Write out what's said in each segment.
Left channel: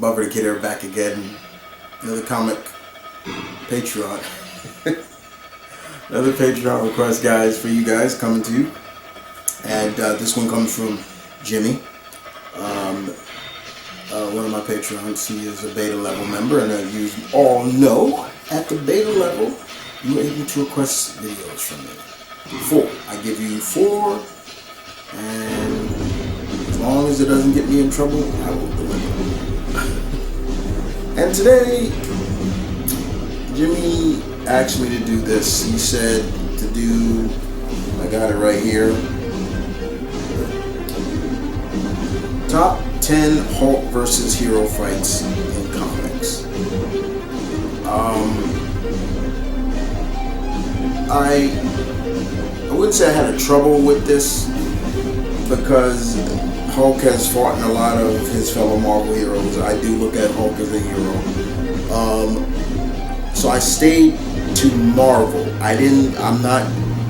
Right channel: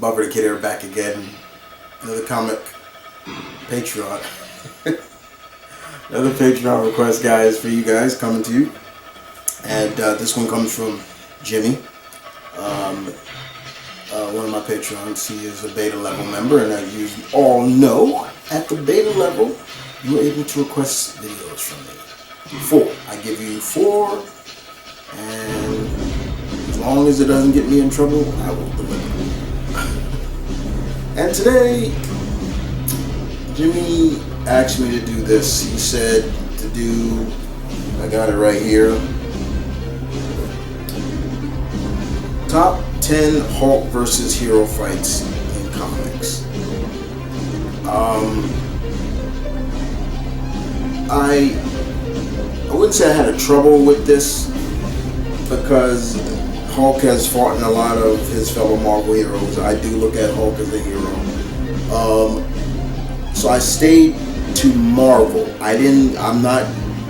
Bubba the Kid here, back again. Another comic Patreon. Another Patreon request, guys, for you guys coming to you. And this one comes from Jimmy. One of my Patreons. He is a beta level member, and as you all know, at the beta level, you are able to request videos from me. 4. I give you 4, and as long as it doesn't get me in trouble, I will deliver. And today, Jimmy asked me to do this. He said to do, I got it right here, top 10 Hulk versus hero fights in comics. I wouldn't say I had a trouble with this because Hulk has fought in a lot of his fellow Marvel heroes. I do look at Hulk as a hero. So I stayed to Marvel. I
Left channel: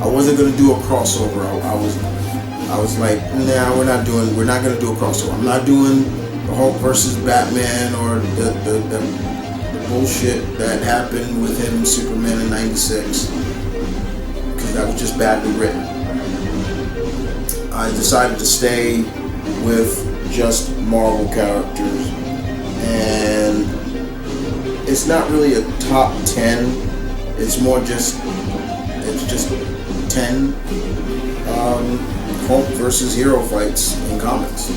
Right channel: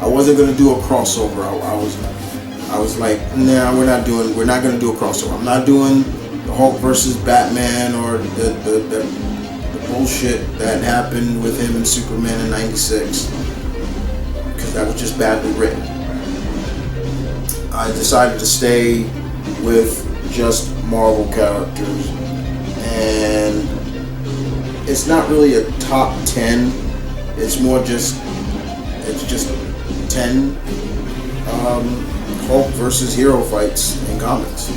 wasn't gonna do a crossover. I was like, nah, we're not gonna do a crossover. I'm not doing the Hulk versus Batman or the bullshit that happened with him and Superman in '96, because that was just badly written. I decided to stay with just Marvel characters, and it's not really a top 10. It's just 10 Hulk versus hero fights in comics.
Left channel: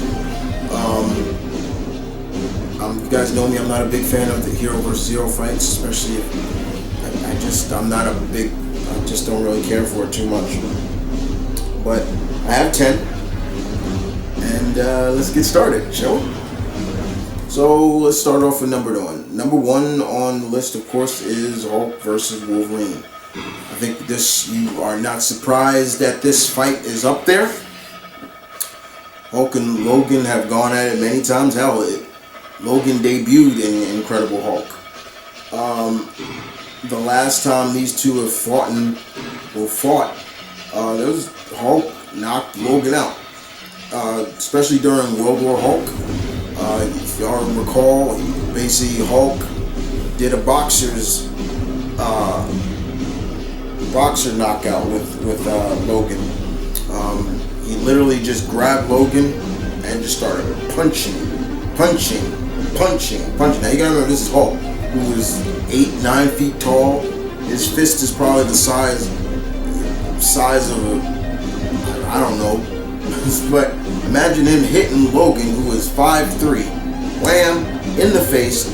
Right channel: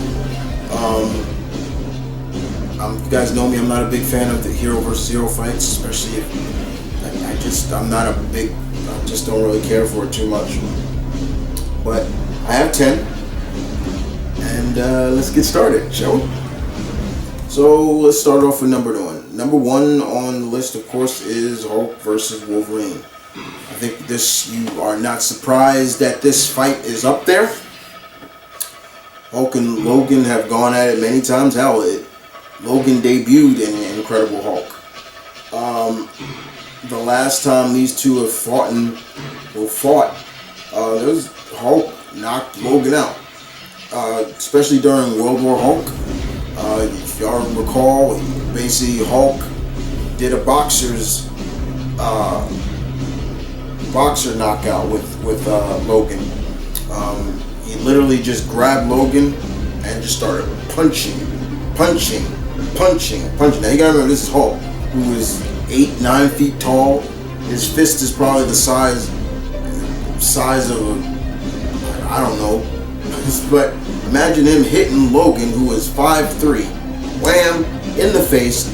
You guys know me, I'm not a big fan of the hero versus hero fights, especially if I just don't really care for it too much. But I have 10, and let's get started, shall we? So let's start off with number 1. Number 1 on the list, of course, is Hulk versus Wolverine. I think you are not surprised that this fight is up there. Hulk and Logan have gone at it many times. Hell, Logan debuted in Incredible Hulk. The last time these two have fought, there was Hulk knocked Logan out, especially during World War Hulk. If y'all recall, basically Hulk did a boxer knockout with Logan. He literally just grabbed Logan and just started punching. Now you gotta remember, this is Hulk, who is 8-9 feet tall. His fist is probably the size of I don't know. But imagine him hitting Logan, who is 5'3", wham, in the face.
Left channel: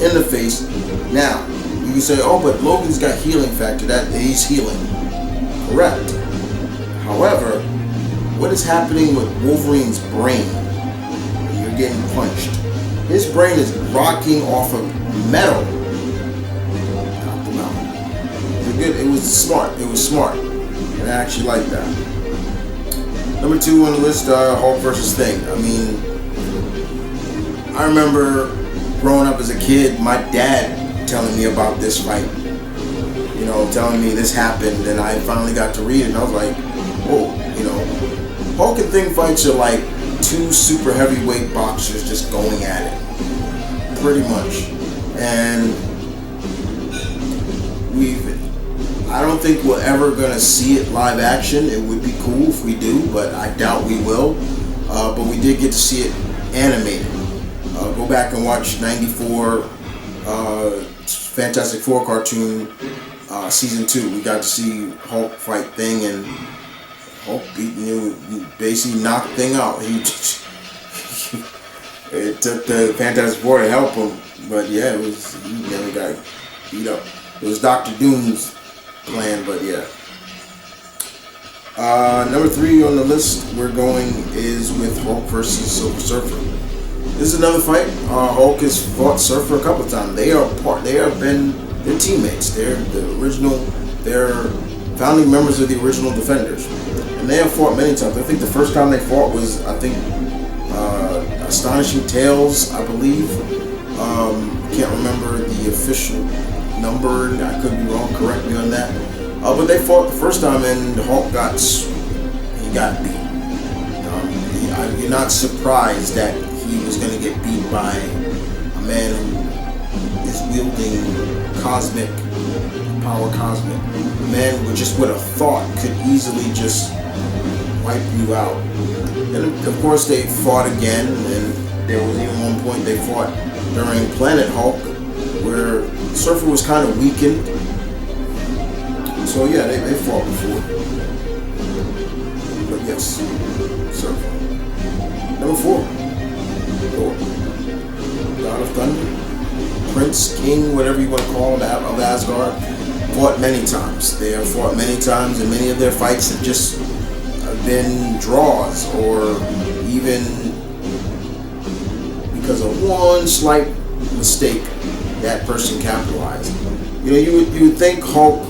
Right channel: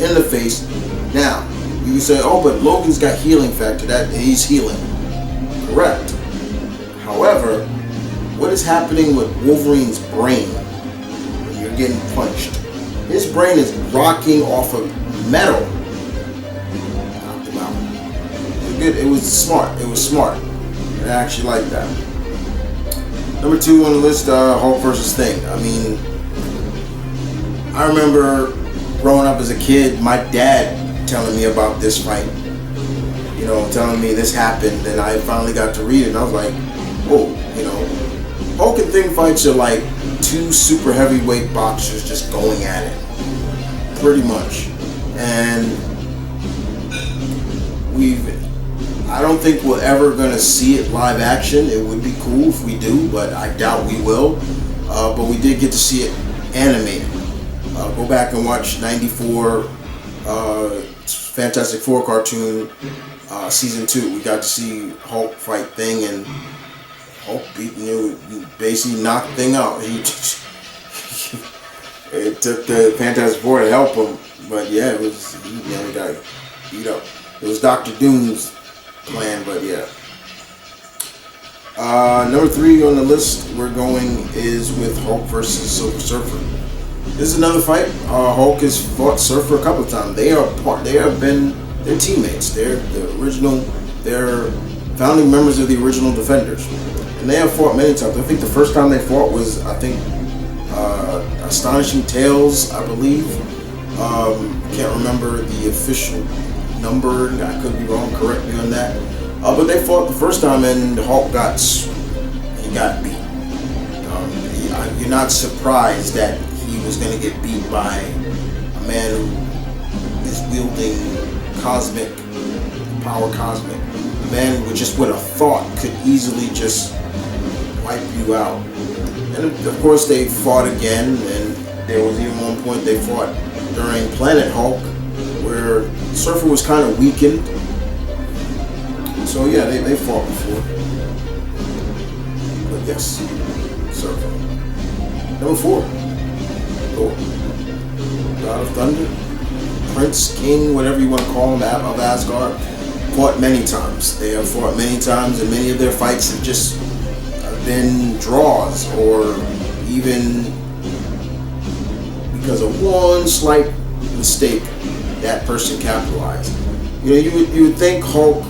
Now, you can say, oh, but Logan's got healing factor, that he's healing. Correct. However, what is happening with Wolverine's brain when you're getting punched? His brain is rocking off of metal. Knocked him out. It was smart. And I actually like that. Number 2 on the list, Hulk versus Thing. I mean, I remember growing up as a kid, my dad telling me about this fight. You know, telling me this happened, and I finally got to read it, and I was like, whoa, you know. Hulk and Thing fights are like 2 super heavyweight boxers just going at it. Pretty much. And I don't think we're ever gonna see it live action. It would be cool if we do, but I doubt we will. But we did get to see it animated. Go back and watch '94 Fantastic Four cartoon, season 2. We got to see Hulk fight Thing, and Hulk basically knocked Thing out. It took the Fantastic Four to help him, but yeah, he nearly got beat up. It was Dr. Doom's plan, but yeah. Number 3 on the list is with Hulk versus Silver Surfer. This is another fight. Hulk has fought Surfer a couple of times. They're teammates. They're founding members of the original Defenders, and they have fought many times. I think the first time they fought was, Astonishing Tales, I believe. Can't remember the official number. I could be wrong. Correct me on that. But they fought the first time, and Hulk got beat. You're not surprised that he was going to get beat by a man who is wielding cosmic power, cosmic. A man with just with a thought could easily just wipe you out. And of course they fought again, and there was even one point they fought during Planet Hulk where Surfer was kind of weakened. So yeah, they fought before. But yes, Surfer. Number 4, Thor. God of Thunder, Prince, King, whatever you want to call him, of Asgard, fought many times. They have fought many times, and many of their fights have just been draws, or even because of one slight mistake that person capitalized. You know, you would think Hulk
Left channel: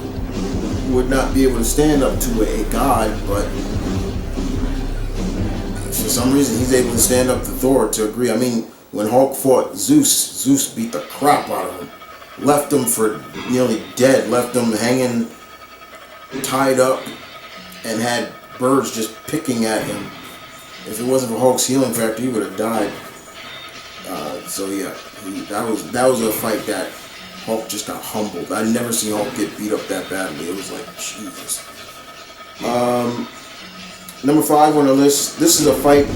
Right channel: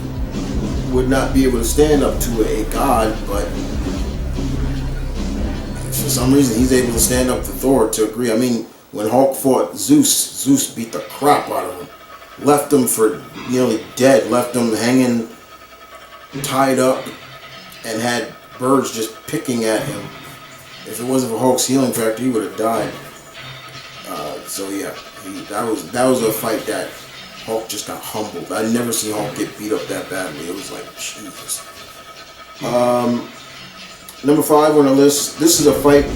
would not be able to stand up to a god, but for some reason he's able to stand up to Thor to agree. I mean, when Hulk fought Zeus beat the crap out of him, left him for nearly dead, left him hanging, tied up, and had birds just picking at him. If it wasn't for Hulk's healing factor, he would have died. So yeah, that was a fight that Hulk just got humbled. I never seen Hulk get beat up that badly. It was like, Jesus. Number 5 on the list. This is a fight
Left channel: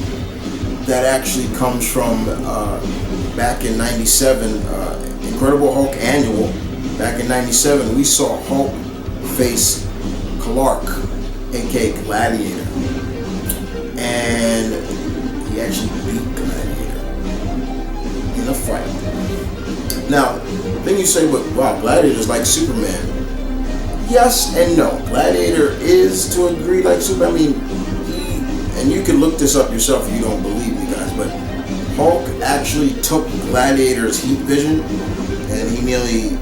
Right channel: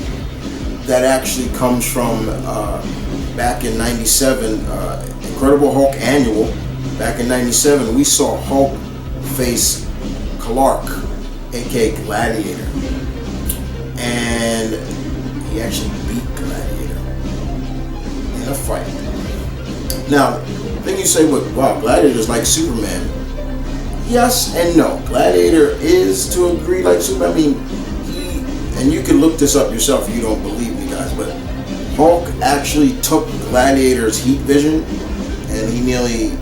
that actually comes from back in '97, Incredible Hulk Annual. Back in '97, we saw Hulk face Clark, aka Gladiator, and he actually beat Gladiator in a fight. Now, then you say, well, wow, Gladiator's like Superman. Yes and no. Gladiator is, to agree, like Superman. I mean, and you can look this up yourself if you don't believe me, guys, but Hulk actually took Gladiator's heat vision, and he nearly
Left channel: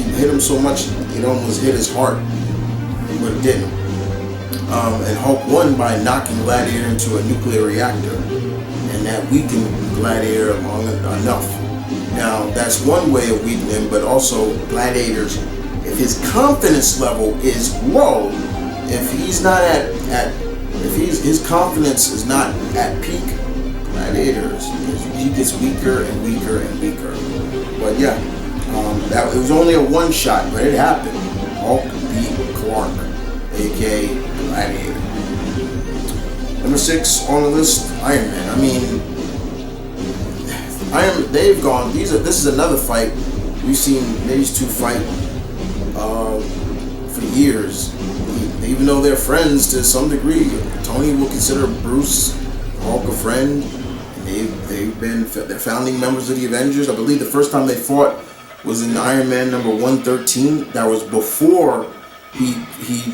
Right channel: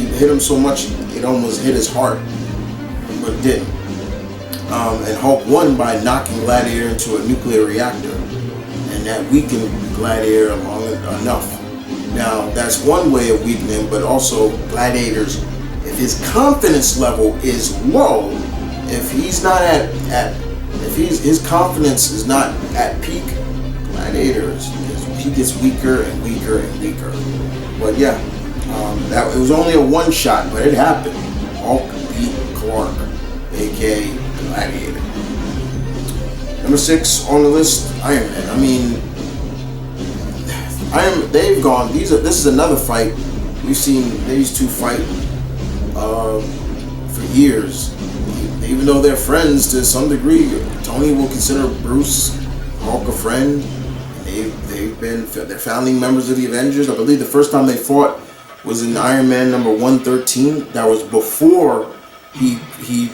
hit him so much it almost hit his heart, but it didn't. And Hulk won by knocking Gladiator into a nuclear reactor, and that weakened Gladiator enough. Now, that's one way of weakening him, but also Gladiator's, if his confidence level is low, if he's not his confidence is not at peak, Gladiator he gets weaker and weaker and weaker. But yeah, it was only a one shot, but it happened. Hulk beat Clark, aka Gladiator. Number 6 on the list, Iron Man. I mean, they've gone. This is another fight. We've seen these two fight for years. Even though they're friends to some degree, Tony will consider Bruce Hulk a friend, and they're founding members of the Avengers. I believe the first time they fought was in Iron Man number 113. That was before he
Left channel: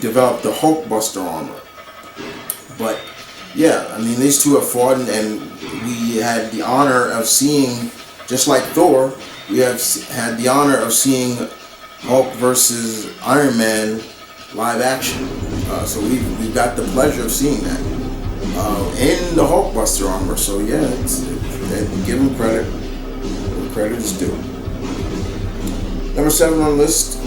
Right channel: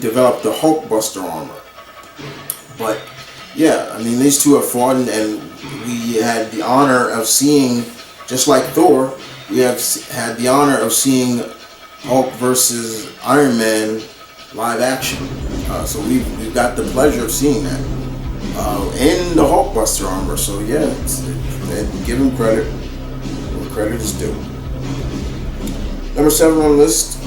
developed the Hulkbuster armor. But yeah, I mean, these two have fought, and we had the honor of seeing, just like Thor, we have had the honor of seeing Hulk versus Iron Man live action. So we've got the pleasure of seeing that in the Hulkbuster armor. So yeah, give him credit where credit is due. Number 7 on the list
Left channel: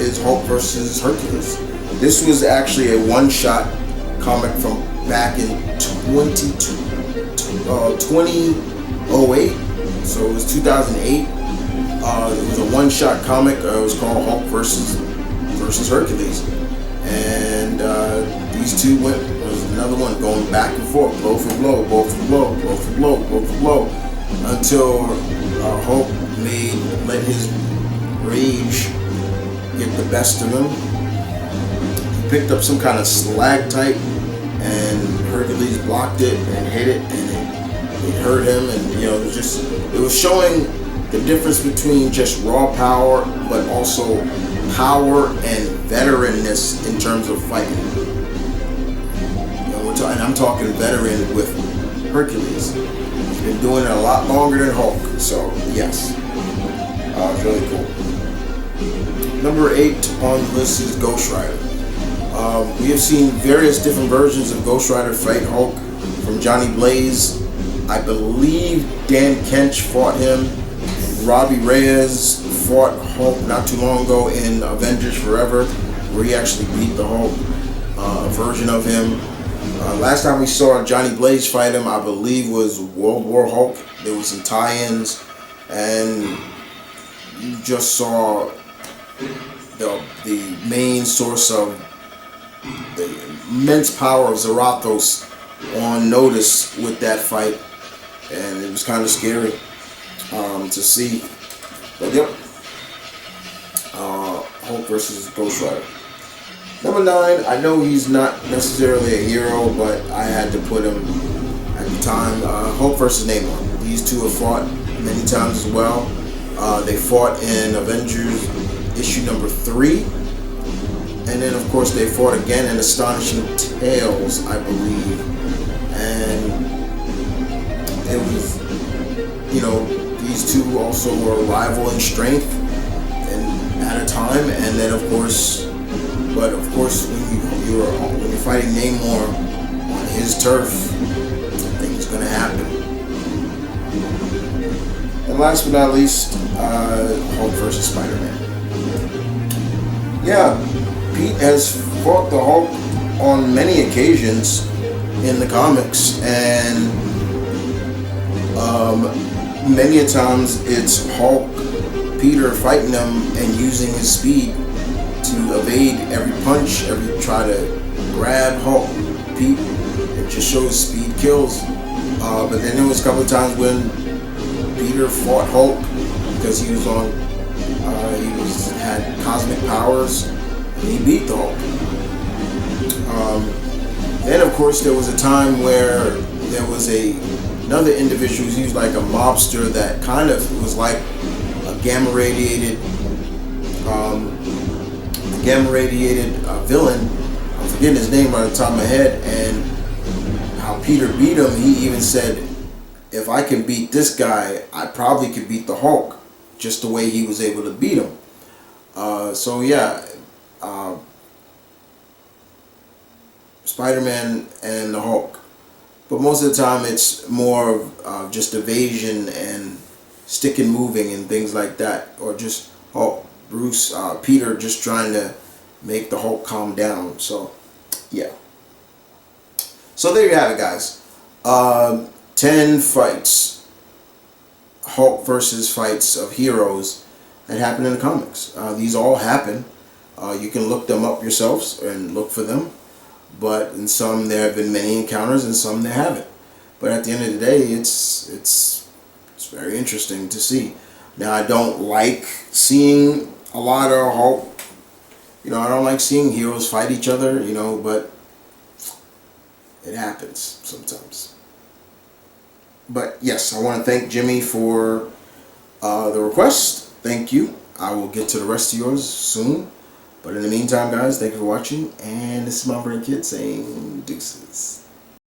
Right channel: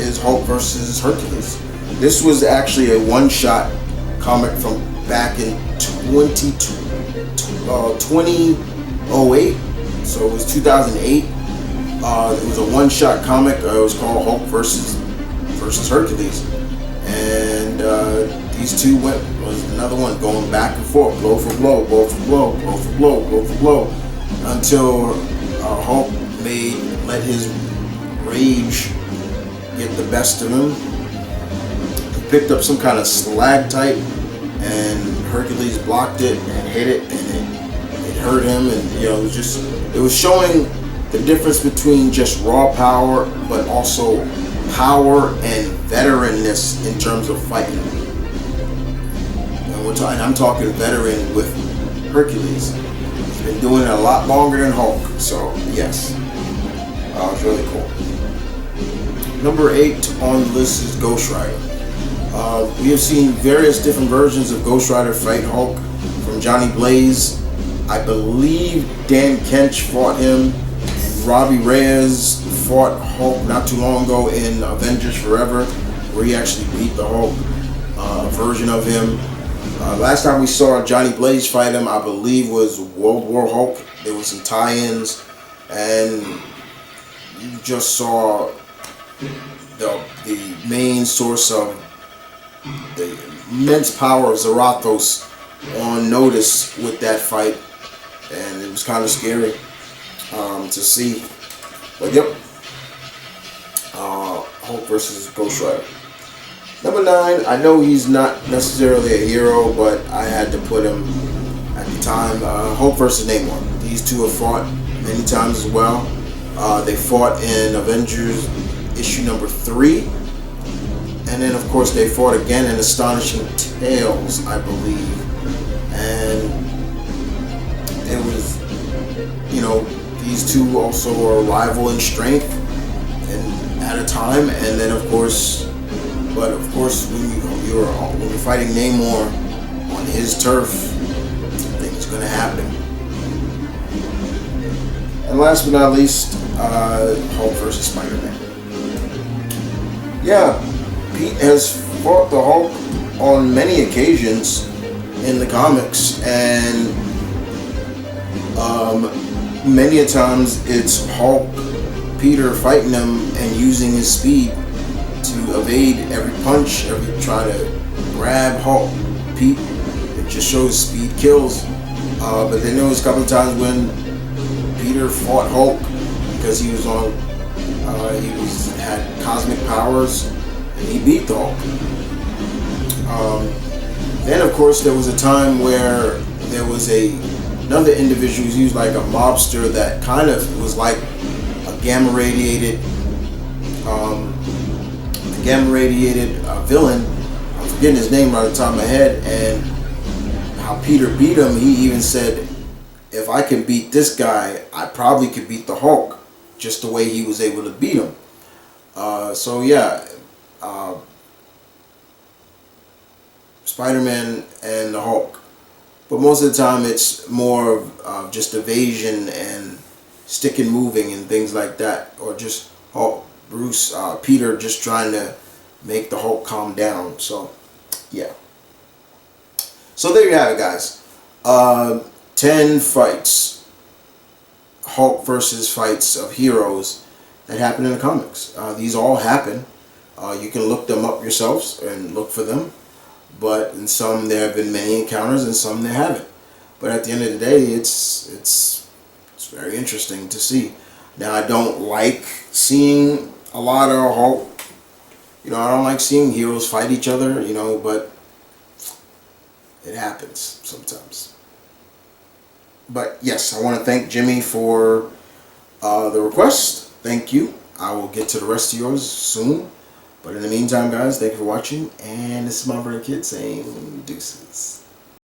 is Hulk versus Hercules. This was actually a one-shot comic from back in 2008. So it was 2008. It was a one-shot comic. It was called Hulk versus Hercules, and these two was another one going back and forth, blow for blow, blow for blow, blow for blow, blow for blow, until Hulk let his rage get the best of him. He picked up some kind of stalactite, and Hercules blocked it and hit it, and it hurt him. And it was showing the difference between just raw power, but also power and veteranness in terms of fighting. And I'm talking veteran with Hercules. He's been doing it a lot longer than Hulk. So yes, it was really cool. Number 8 on the list is Ghost Rider. We have seen various different versions of Ghost Rider fight Hulk, from Johnny Blaze. I believe Dan Kench fought him. Robbie Reyes fought Hulk not too long ago in Avengers Forever, where he actually beat the Hulk, a version of him. Last time we saw Johnny Blaze fight him, I believe, was World War Hulk. There was some tie-ins, and you just saw the main source of the immense power of Zarathos on notice with that fight, and it was kind of scary to see. But yep, Hulk versus Ghost Rider. Number 9, I know he's not necessarily a hero, but I had to put him at the time. Hulk versus Namor. These two have fought many times as well. They fought in Avengers issue number 3. And then, of course, they fought again in Astonishing Tales, I believe. And it was, these two also were a rival in strength and at a time. And then, of course, when you're fighting Namor on his turf, things gonna happen. And last but not least, Hulk versus Spider-Man. Yeah, Pete has fought the Hulk on many occasions in the comics, and many a times it's Hulk, Peter fighting him and using his speed to evade every punch, try to grab Hulk. Pete, it just shows speed kills. But then there was a couple of times when Peter fought Hulk because he was had cosmic powers, and he beat the Hulk. Then of course there was a time where there was another individual who was like a mobster that kind of was like a gamma radiated villain. I'm forgetting his name right off the top of my head, and how Peter beat him. He even said, if I can beat this guy, I probably could beat the Hulk, just the way he was able to beat him. So yeah, Spider-Man and the Hulk. But most of the time it's more of just evasion and stick and moving and things like that, or just Hulk, Peter just trying to make the Hulk calm down. So yeah. So there you have it, guys. 10 fights, Hulk versus fights of heroes that happen in the comics. These all happen. You can look them up yourselves and look for them. But in some there have been many encounters, and some there haven't. But at the end of the day, it's very interesting to see. Now, I don't like seeing a lot of Hulk. I don't like seeing heroes fight each other, but it happens sometimes. But yes, I want to thank Jimmy for the request. Thank you. I will get to the rest of yours soon. But in the meantime, guys, thank you for watching. And this is TheMtVernonkid saying deuces.